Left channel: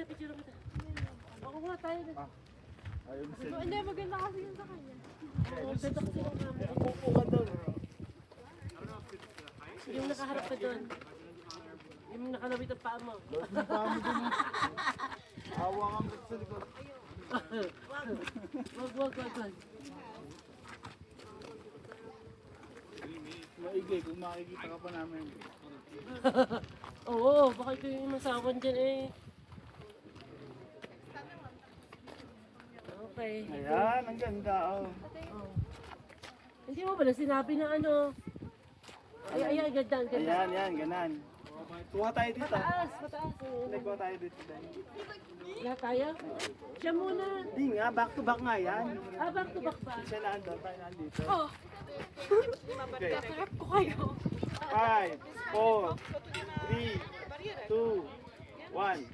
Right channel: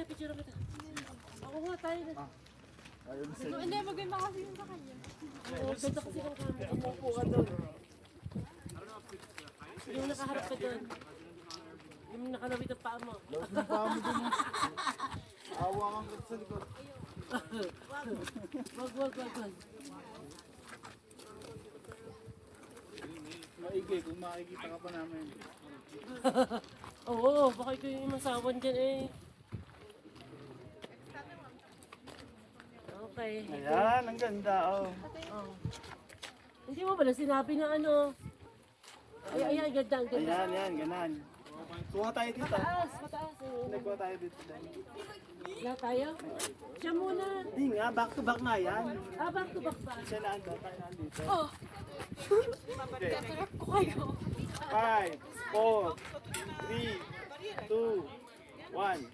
tayo, picture kita. Ako nga tayo. Ayun Hindi, maganda kasi yung sa kanya. Oo, ganda kasi lang kami. Ang pupuha doon. Yung nakaharap ka doon. Yung nakalabit ang paa mo. Lord ng paa mo dun. Awa kang sa likod. Wag. Maigi kung makikita ka pa namin. Oo, baka ito yung inasawan dyan eh. Okay. Ayan, ang ganda oh. Oh. Hindi mo pala sinabi na ano. Ay, ganda, ang ganda. Ayan, ganan. Kuha tayo dito. Mataas. Hindi, kuha tayo dito. Wala tayo? Siya muna. Hindi nga, back to back nga yan. Back to back ba? Siya na ando, tayo nandito. Oh. Kakarap ko kayo. 5, 4, 3, 2, 1.